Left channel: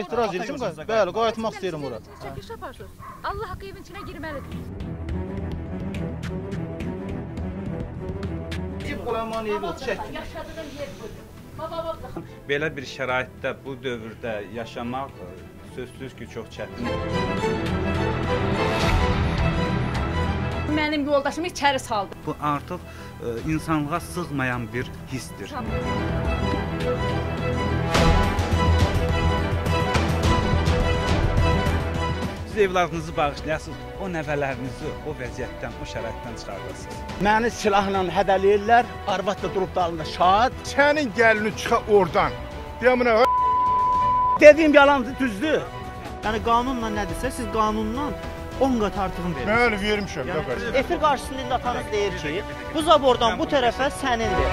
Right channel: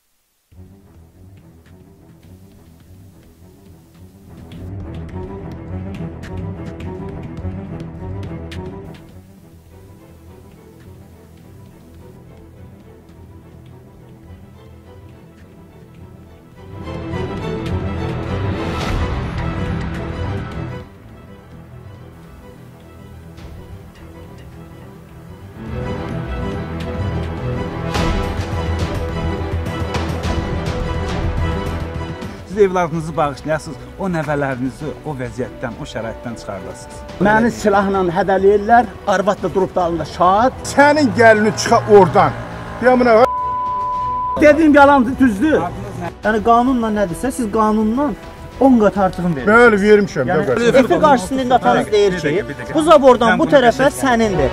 etiraz edirəm. Bəli, qayıtmaq istəyirəm ora. Çəkiş yaparsınız. Allah haqqı evin içinə girməlidir. Qoyman evi çək. Belə bir şəraitdə bu dövrdə yaşamaq sözsüz ki, çox çətin. Mənim yoldaşımı içəri saldı. Bu artıq insanlığa sığmayan bir hissdir. Siz evladınızı bağışlayasınız, o nəvələrinizi o vəziyyətdən, o şəraitdən çıxardasınız. Məni silahla hədələyirlər, arvad da durub dalında şad. Sənin gəlini çıxa oradan. Dediyim yalandır, düzdür. Yəni qanunla nədirsə, siz qanunla 10 qat artığını verirsiniz. Bəli, vermişəm. Efi qarşısında atanız deyir ki, bu zabordan bu tərəfə sənindir.